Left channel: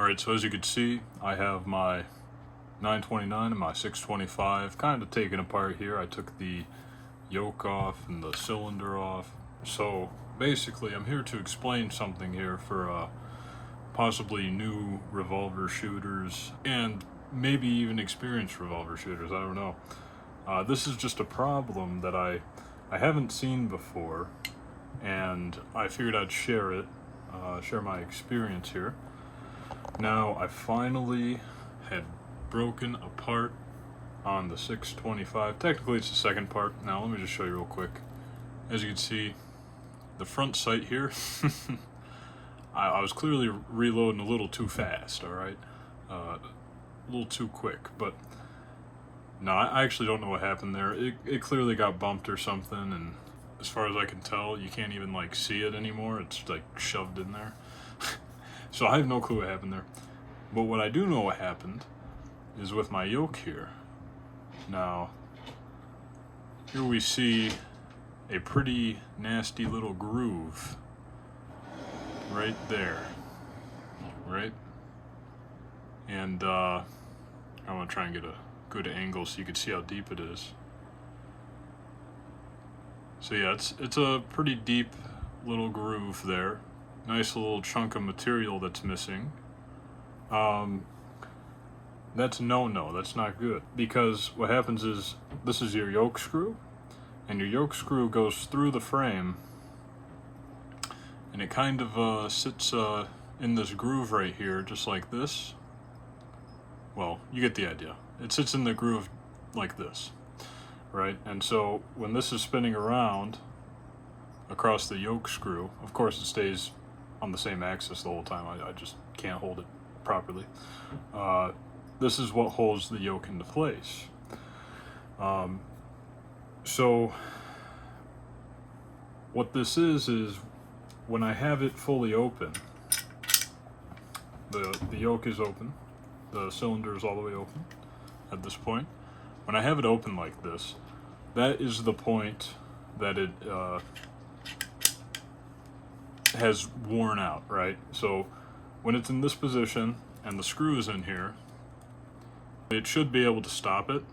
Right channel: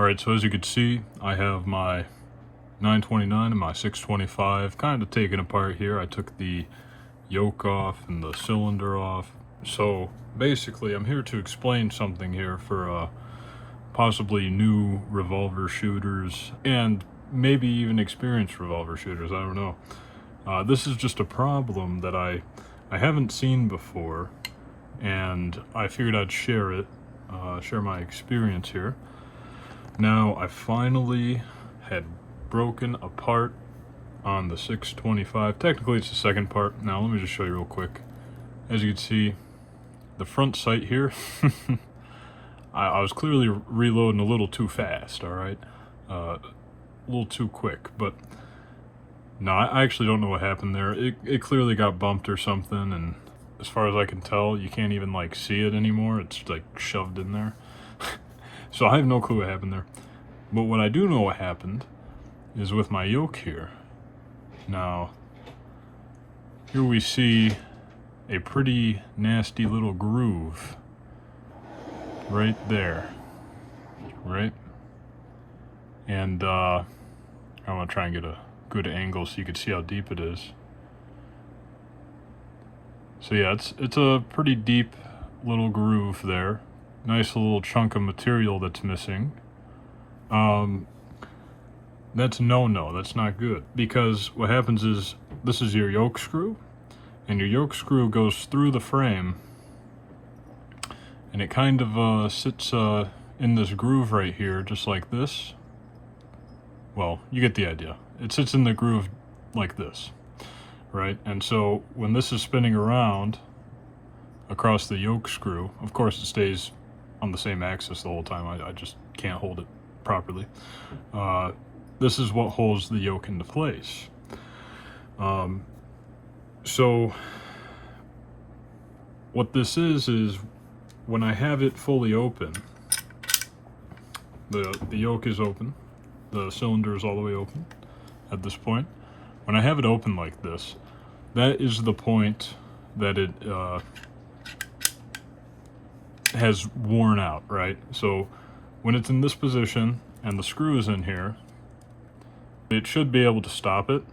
Alright, so as you can see, I have my 929 and my 625 kind of taken apart here. I took the yoke off and the cylinder off. So basically I'm here to explain something here for possibly new revolver shooters and maybe even experienced revolver shooters, I don't know. This is just a problem that I haven't seen before, and I figured I'd share it, share my experience here. Now, I finally had broken apart on the 625. Technically, it's the second part. Now, let me just show you real quick. As you can see, the front sight here, I was clearly reloading a little too fast, alright? A little too quick, but no, I actually don't know what happened there. It clearly got bumped or something, and as far as I can tell, you can't even like see it anymore. It's like shoved in there. So I have no clue what happened there. But what I do know what happened is with my yoke here. Now, here we see a pretty nasty little groove right there, right? And I want to try and get a good angle so you can see how deep it is. So yeah, it's a pretty deep little groove there. Nice little chunk of material that's missing. That's no, that's not good. Because what happens is, this is your yoke screw, and your yoke screw goes through the frame, and it kind of sits in this groove right here, just like this. Well, you get the idea. It sits in the groove like this, right? And so when this is spinning around across the yoke screw, of course it stays on the same axis the whole time. I just can't hold it properly. This is what holds the yoke into place. So what this is when I have it fully open, the yoke is open, the cylinder is all the way open at this point. When I have it open like this, that is the point that it has worn out, right? So when it's in this position and the screw is in here, it should be able to stop it,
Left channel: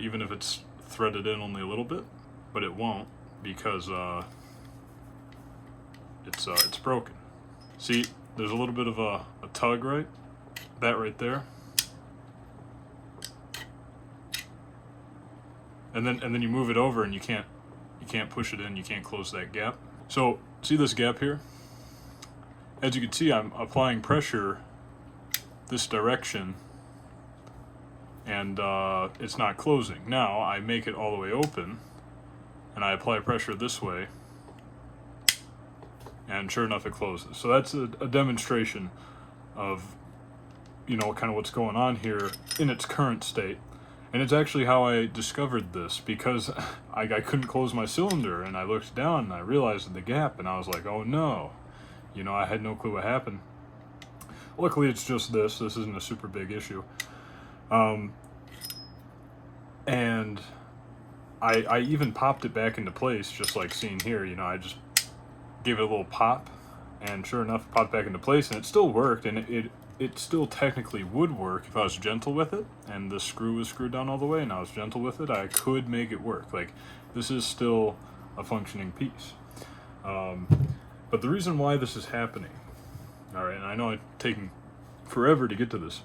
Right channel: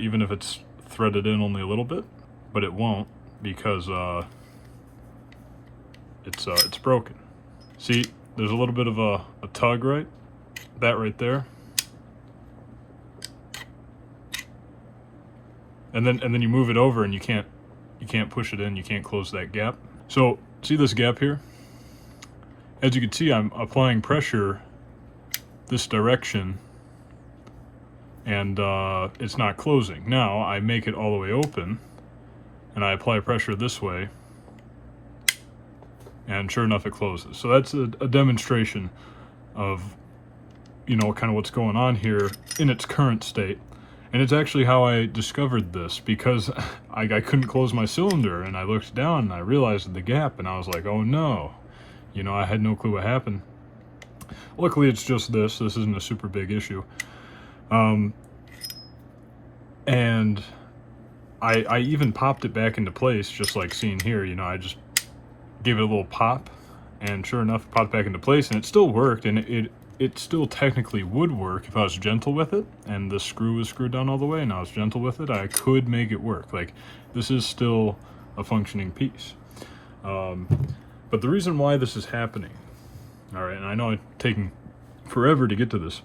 even if it's threaded in only a little bit, but it won't because it's broken. See, there's a little bit of a tug, right? That right there. And then you move it over and you can't push it in, you can't close that gap. So see this gap here? As you can see, I'm applying pressure this direction, and it's not closing. Now I make it all the way open and I apply pressure this way, and sure enough it closes. So that's a demonstration of, you know, kind of what's going on here in its current state. And it's actually how I discovered this, because I couldn't close my cylinder, and I looked down and I realized the gap, and I was like, oh no, you know, I had no clue what happened. Luckily it's just this isn't a super big issue. And I even popped it back into place, just like seeing here, you know, I just gave it a little pop, and sure enough it popped back into place, and it still worked, and it still technically would work if I was gentle with it, and the screw was screwed down all the way and I was gentle with it. I could make it work. Like, this is still a functioning piece. But the reason why this is happening, alright, and I know it's taking forever to get to this.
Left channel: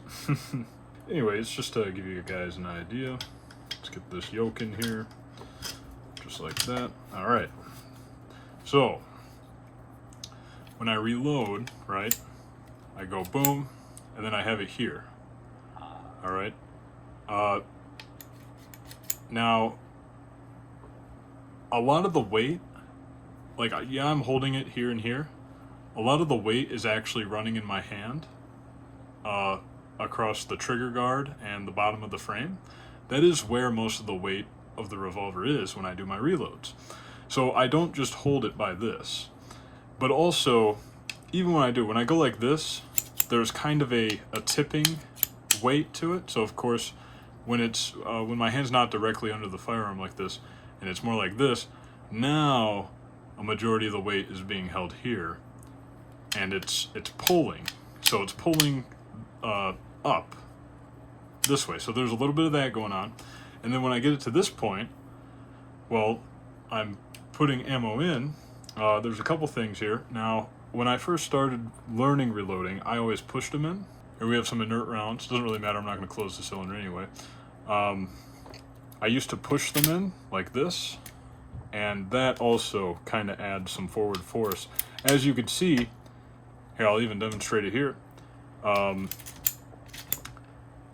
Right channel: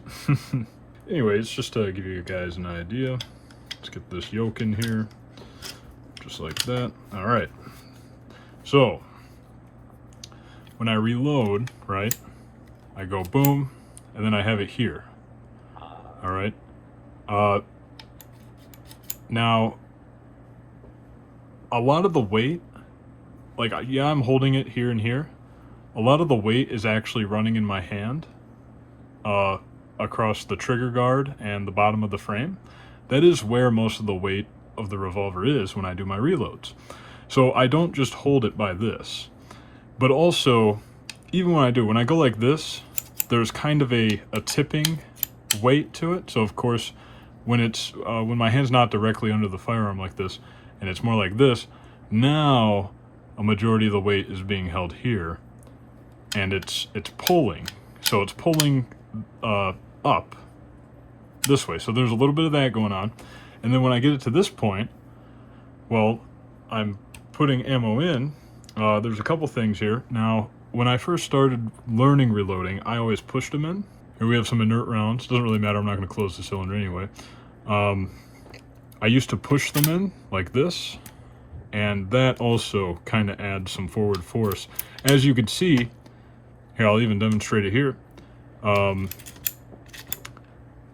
Anyways, just to give you guys an idea, let's get this yoke in here, just like that. Alright, so when I reload, right, I go boom, and then I have it here. Alright. Now, a lot of the weight, like, yeah, I'm holding it here and here. A lot of the weight is actually running in my hand across the trigger guard and the bottom of the frame. That is where most of the weight of the revolver is when I do my reloads. So I don't just hold it by this. But also, even when I go like this, there's kind of a tipping weight to it. So of course, when my hand's not directly under the firearm like this, and it's more like this, now a majority of the weight is being held here, and it's pulling. So it's pulling up this way. So there's a little bit of that going on. And then when I get it to this point, well, I'm putting ammo in. There's a couple things here. Now, when I first started learning reloading, I always pushed them in. Here we have some inert rounds. Doesn't really matter, I'm not going to close the cylinder anyway. I used to push them in like this, and that also kind of adds some forward force. As you can see, here I'll even demonstrate it here.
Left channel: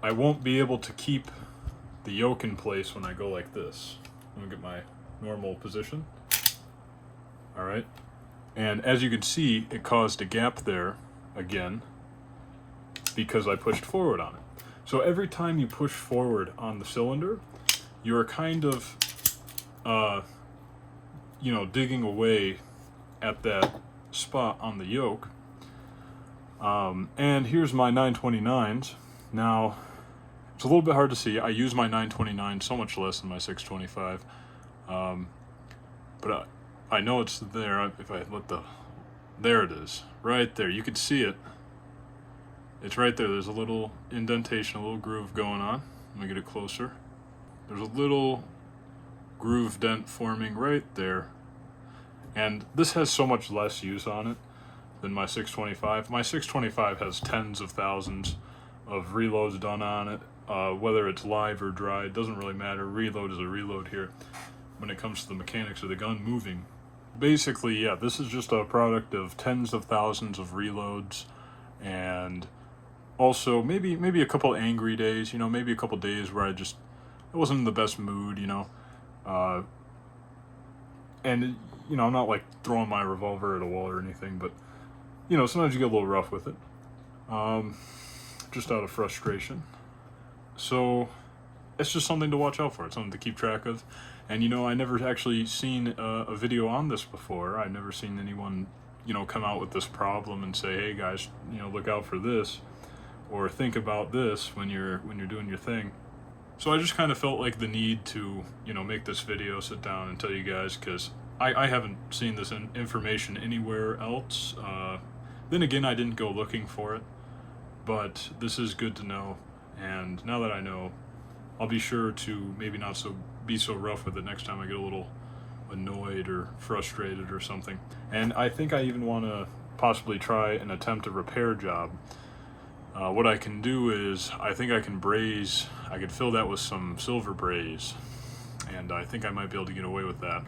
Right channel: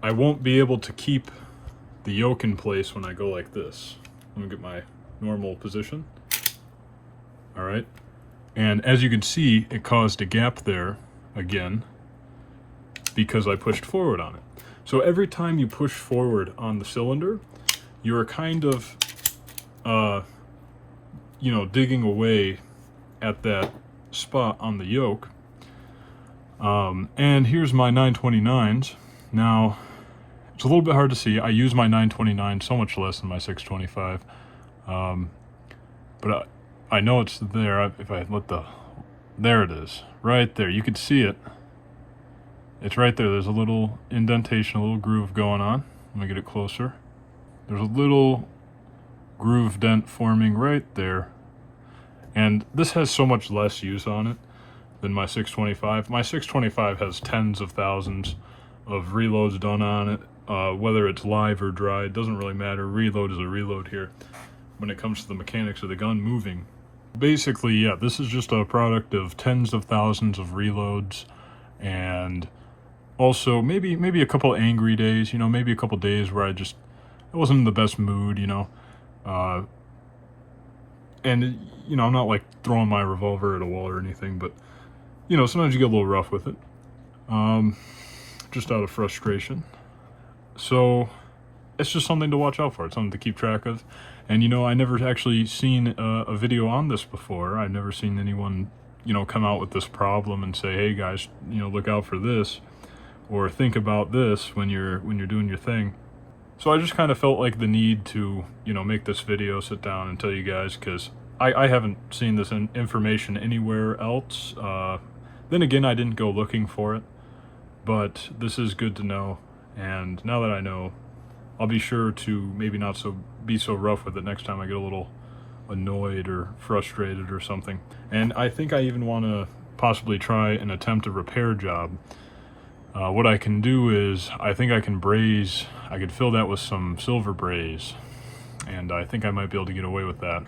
I won't be able to keep the yoke in place when I go like this. Let me get my normal position. All right, and as you can see, it caused a gap there again because I pushed forward on it. So every time you push forward on the cylinder, you're kind of, you know, digging away at that spot on the yoke. And here's my 929s. Now, it's a little bit hard to see. I use my 929 so much less than my 625. But I know it's there. If I let there it is, right there. You can see it. It's right there. There's a little indentation, a little groove going on. Let me get it closer. There's a little groove dent forming right there. And this has so much less use on it than my 625. My 625 has tens of thousands of reloads done on it. Whether it's live or dry, it doesn't really matter. Reload is a reload here when it comes to the mechanics of the gun moving. Basically, yeah, this is just a product of tens of thousands of reloads, and also maybe a couple of angry days, you know, maybe a couple of days where I wasn't in the best mood, you know. And, you know, I'm not like throwing my revolver at a wall or anything, but, you know, sometimes you get a little rough with it, just out of frustration. So it's just something to watch out for. It's something to keep track of. And, you know, I never actually seen a video on this before. I've never seen anyone, you know, come out with this problem and say, hey guys, you know, look out for this, or think about this when you're doing your thing. So I just kind of felt like the need to, you know, make this video, sit down and tell you guys, because I haven't seen this information anywhere else. Then again, I didn't go looking for it, but this is good to know. And now that I know, I'll be sure to maybe not be so rough with it next time I get a little annoyed or frustrated or something. And I think I even want to possibly try and attempt a repair job. What I can do is, I think I can braise, I could fill that with some silver braise, and I think I might be able to get away with that.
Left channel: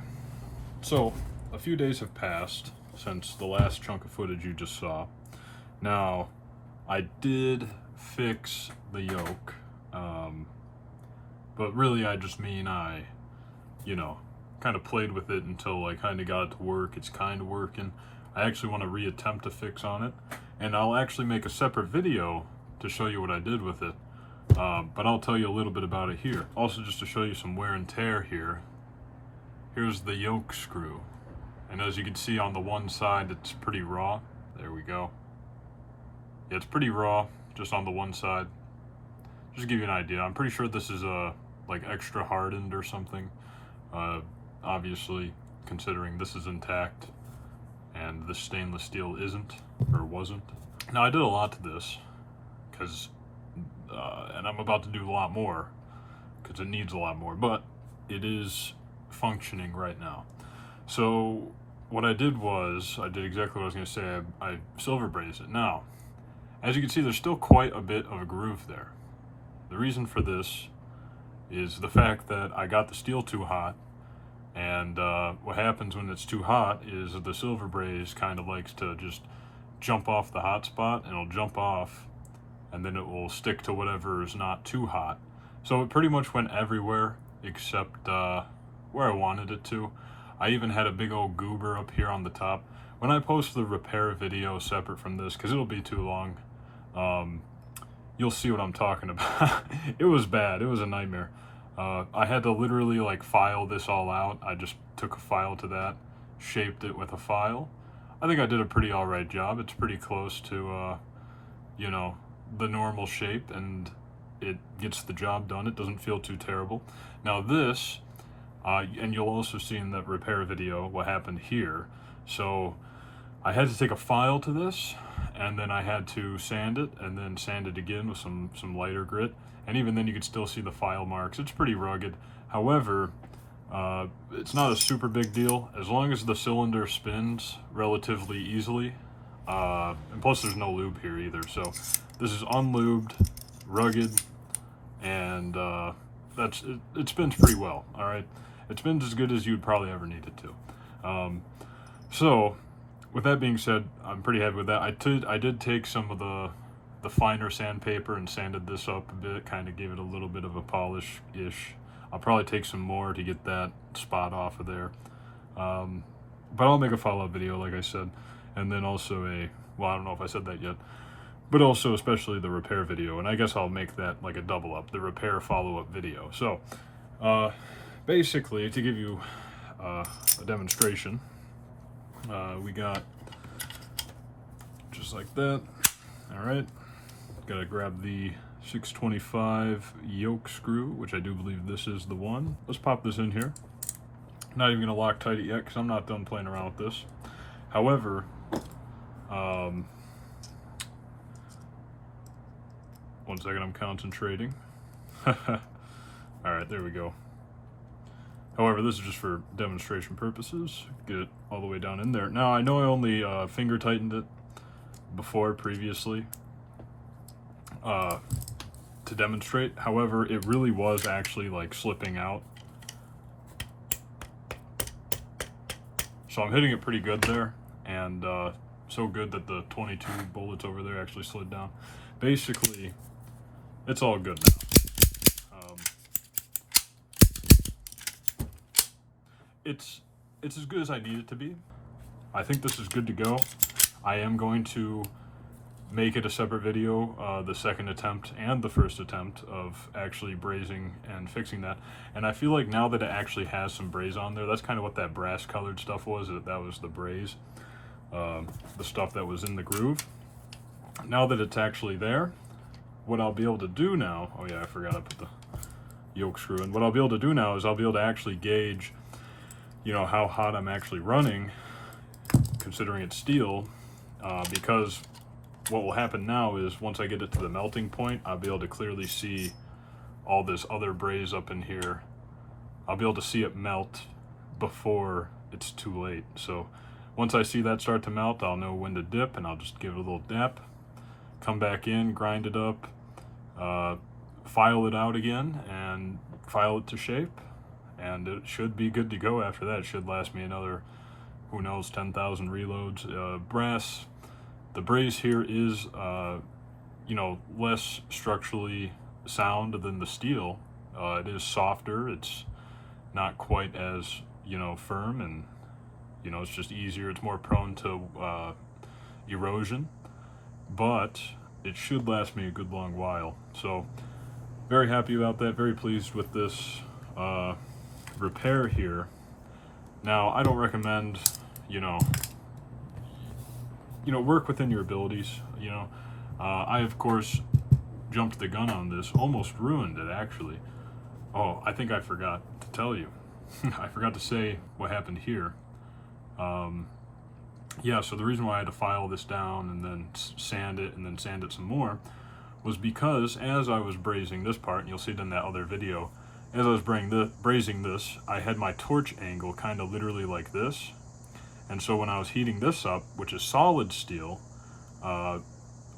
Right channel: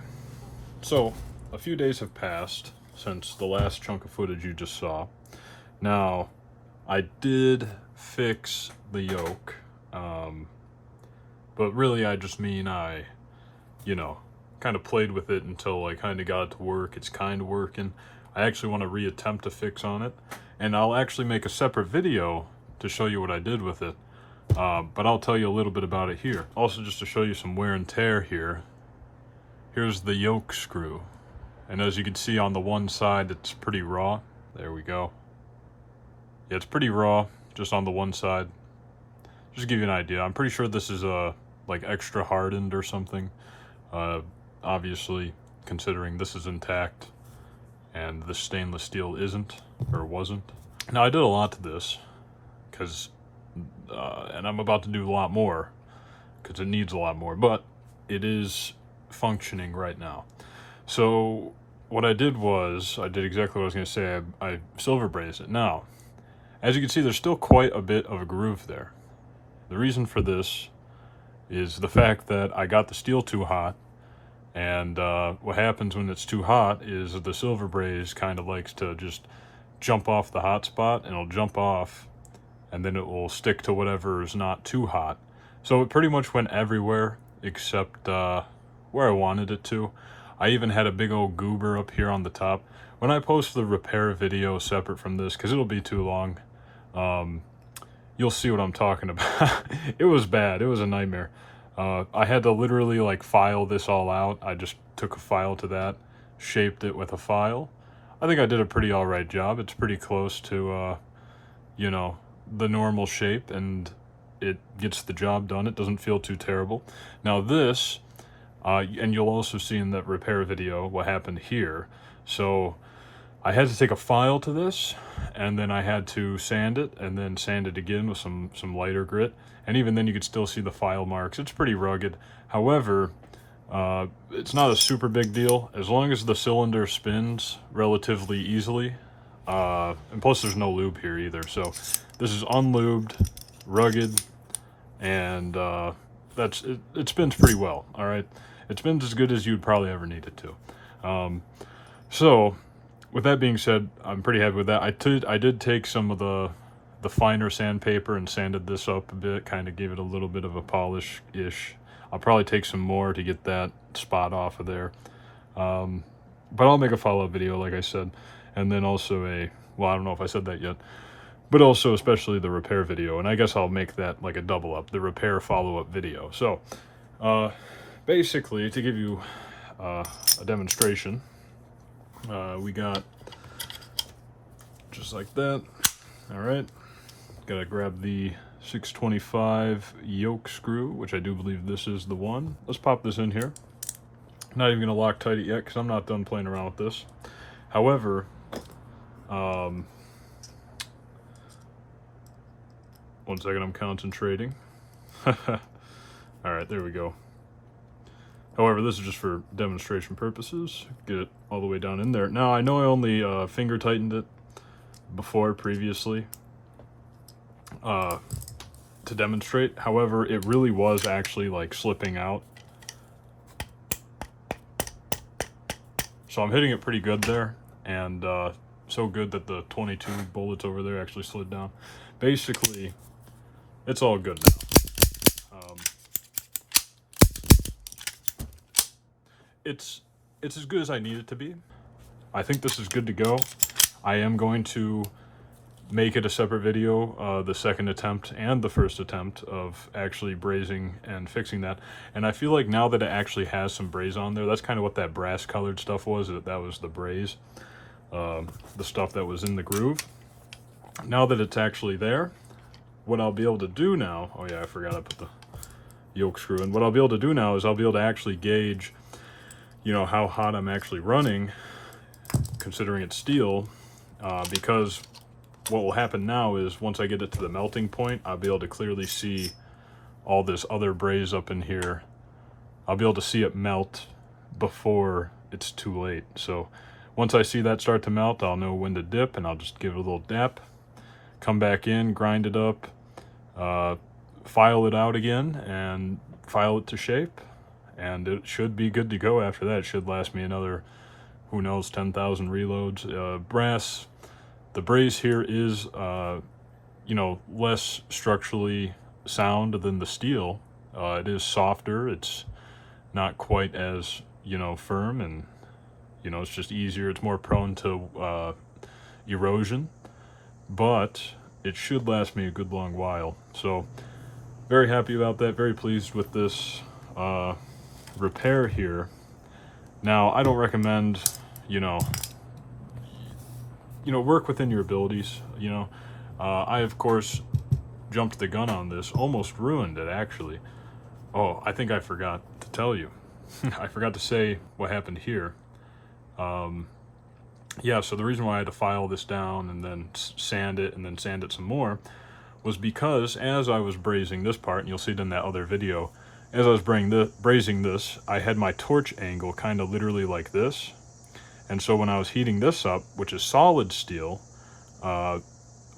So, a few days have passed since the last chunk of footage you just saw. Now, I did fix the yoke, but really I just mean I, you know, kind of played with it until I kind of got it to work. It's kind of working. I actually want to reattempt a fix on it, and I'll actually make a separate video to show you what I did with it, but I'll tell you a little bit about it here. Also, just to show you some wear and tear here, here's the yoke screw, and as you can see on the one side, it's pretty raw. There we go. Yeah, it's pretty raw just on the one side. Just to give you an idea, I'm pretty sure this is like extra hardened or something, obviously considering this is intact and the stainless steel isn't, or wasn't. Now, I did a lot to this because and I'm about to do a lot more because it needs a lot more, but it is functioning right now. So what I did was, I did exactly what I was going to say. I silver brazed it. Now, as you can see, there's still quite a bit of a groove there. The reason for this is the fact that I got the steel too hot, and what happens when it's too hot is the silver braze kind of likes to just jump off the hot spot, and it'll jump off, and then it will stick to whatever is not too hot. So it pretty much went everywhere except where I wanted it to. I even had a big old goober up here on the top. When I post the repair video separate from this, because it'll be too long, you'll see what I'm talking about. It was bad. It was a nightmare. I had to literally like file this all out. I just took a file to that, shaped it with a file. I think I did a pretty alright job. It's pretty close to, you know, the normal shape, and it gets the job done. It doesn't feel too terrible. Now this, and you'll also see in that repair video what happened here. So I had to take a file to this, and then I had to sand it, and then sand it again with some lighter grit. And even then you could still see the file marks. It's pretty rugged. However, it's not a super big deal as long as the cylinder spins relatively easily. And plus there's no lube here either. So this is unlubed, rugged, and it spins pretty well. All right, it spins as good as you'd probably ever need it to. So with that being said, I'm pretty happy with that. I did take some of the finer sandpaper and sanded this up a bit, kind of gave it a little bit of a polish-ish. I'll probably take some more to get that spot off of there. But I'll make a follow-up video, like I said. And then also well, I don't know if I said that yet, but also especially the repair video. And I guess I'll make that like a double up, the repair follow-up video. So, basically, to give you a demonstration, we got just like that. All right, gotta grab the 625 yoke screw, which I do believe this is the one. Let's pop this in here. Not even gonna Loctite it yet because I'm not done playing around with this. However, one second, I'm concentrating. All right, there we go. However, this is just for demonstration purposes. Get it all the way down in there. Now, I know I only finger tightened it previously to demonstrate. However, it really was actually like slipping out. So I'm hitting it pretty good there, and so good that the 22 bullets over there actually slid down. Basically, it's all good now. It's as good as I need it to be. I think this is good to go. I am going to make it a separate video, the second attempt and the first attempt of actually brazing and fixing that. And I feel like now that it actually has some braze on there, that's kind of what that brass colored stuff was. That was the braze, the stuff that was in the groove. Now that it's actually there, what I'll be able to do now, oh yeah, I forgot I put the yoke screw in. What I'll be able to do now is I'll be able to actually gauge, you know, how hot I'm actually running, considering it's steel, because what will happen now is once I get it to the melting point, I'll be able to clearly see all this other braze up in here. I'll be able to see it melt before it's too late. So once I see that start to melt, I'll know when to dip, and I'll just give it a little dap, come back in, grind it up, file it out again, and file it to shape, and it should be good to go after that. It should last me another, who knows, 10,000 reloads. Brass, the braze here is, you know, less structurally sound than the steel. It is softer. It's not quite as, you know, firm, and, you know, it's just easier. It's more prone to erosion, but it should last me a good long while. So very happy about that. Very pleased with this repair here. Now, I don't recommend, you know, work within your abilities. You know, I of course jumped the gun on this, almost ruined it actually. Oh, I think I forgot to tell you. I forgot to say what happened here. Yeah, so the reason why I had to file this down and then sand it and then sand it some more was because as I was brazing this part, and you'll see it in that other video, as I was brazing this, I had my torch angle kind of literally like this. And so when I was heating this up, which is solid steel, I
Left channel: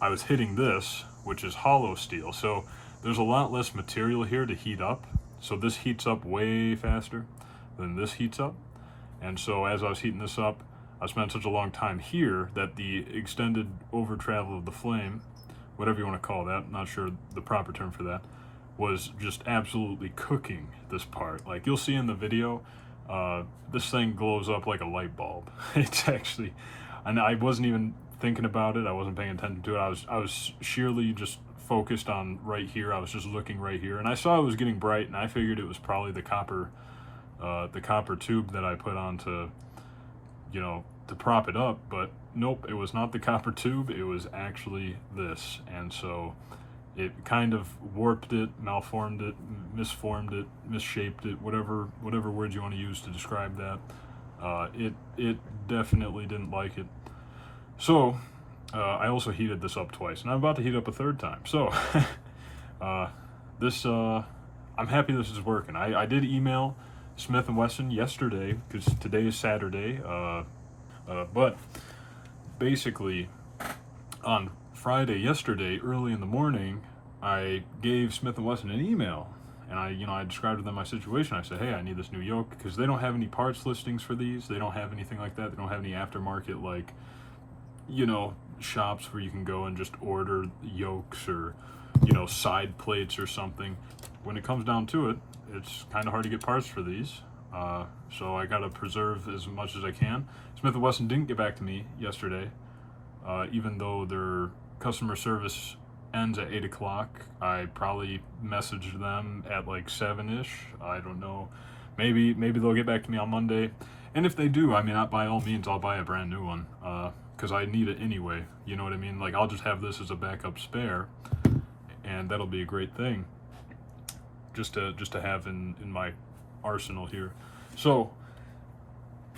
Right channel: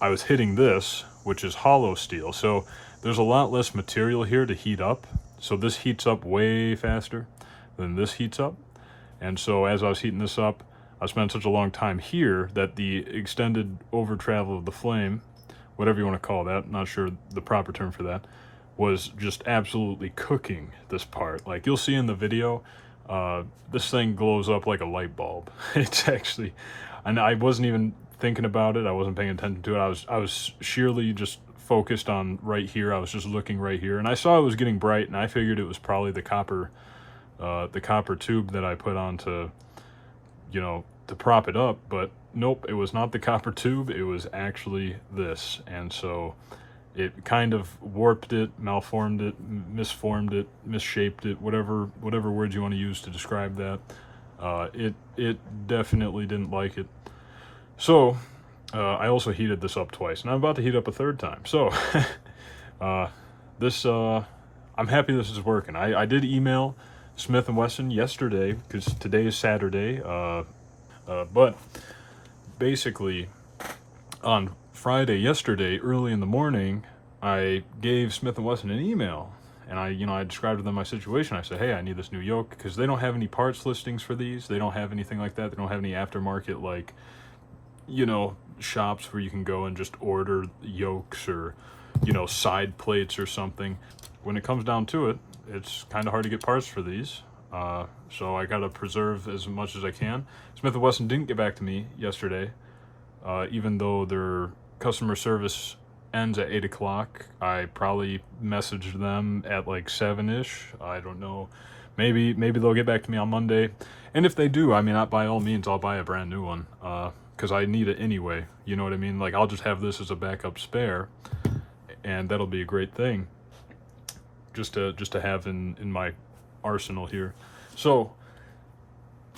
was hitting this, which is hollow steel. So there's a lot less material here to heat up. So this heats up way faster than this heats up. And so as I was heating this up, I spent such a long time here that the extended over travel of the flame, whatever you want to call that, not sure the proper term for that, was just absolutely cooking this part. Like you'll see in the video, this thing glows up like a light bulb. It's actually, and I wasn't even thinking about it. I wasn't paying attention to it. I was sheerly just focused on right here. I was just looking right here, and I saw it was getting bright, and I figured it was probably the copper tube that I put on to, you know, to prop it up. But nope, it was not the copper tube. It was actually this, and so it kind of warped it, malformed it, misformed it, misshaped it, whatever words you want to use to describe that. It definitely didn't like it. So, I also heated this up twice, and I'm about to heat up a third time. So, uh, this, I'm happy this is working. I did email Smith & Wesson yesterday, because today is Saturday, but basically, on Friday, yesterday, early in the morning, I gave Smith & Wesson an email, and I described to them my situation. I said, hey, I need this new yoke, because they don't have any parts listings for these. They don't have anything like that. They don't have any aftermarket, like, shops where you can go and just order yokes or, side plates or something. When it comes down to it, it's kind of hard to get parts for these. So I got to preserve as much as I can. Smith & Wesson didn't get back to me yesterday, even though their customer service ends at 8 o'clock. I probably messaged them at like 7-ish. I don't know. Maybe they'll get back to me on Monday. And if they do, I mean, by all means, I'll buy a brand new one, because I need it anyway. You know what I mean? Like, I'll just have this as a backup spare, and that'll be a great thing just to have in my arsenal here. So,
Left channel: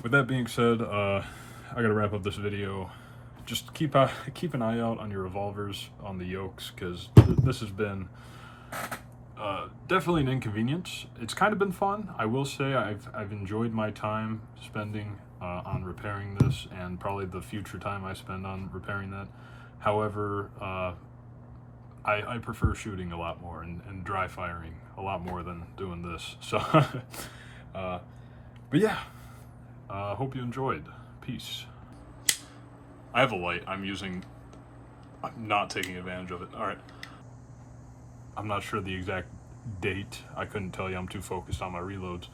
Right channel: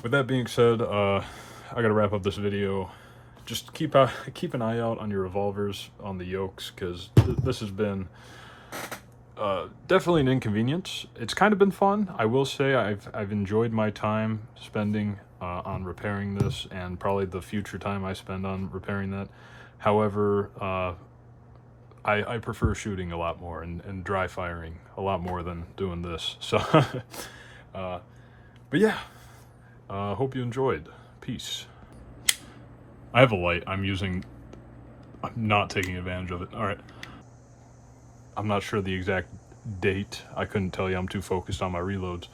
with that being said, I gotta wrap up this video. Just keep an eye out on your revolvers on the yokes, because this has been definitely an inconvenience. It's kind of been fun. I will say I've enjoyed my time spending on repairing this, and probably the future time I spend on repairing that. However, I prefer shooting a lot more and dry firing a lot more than doing this. So, but yeah, hope you enjoyed. Peace. I have a light. I'm not taking advantage of it. All right. I'm not sure the exact date. I couldn't tell you. I'm too focused on my reloads.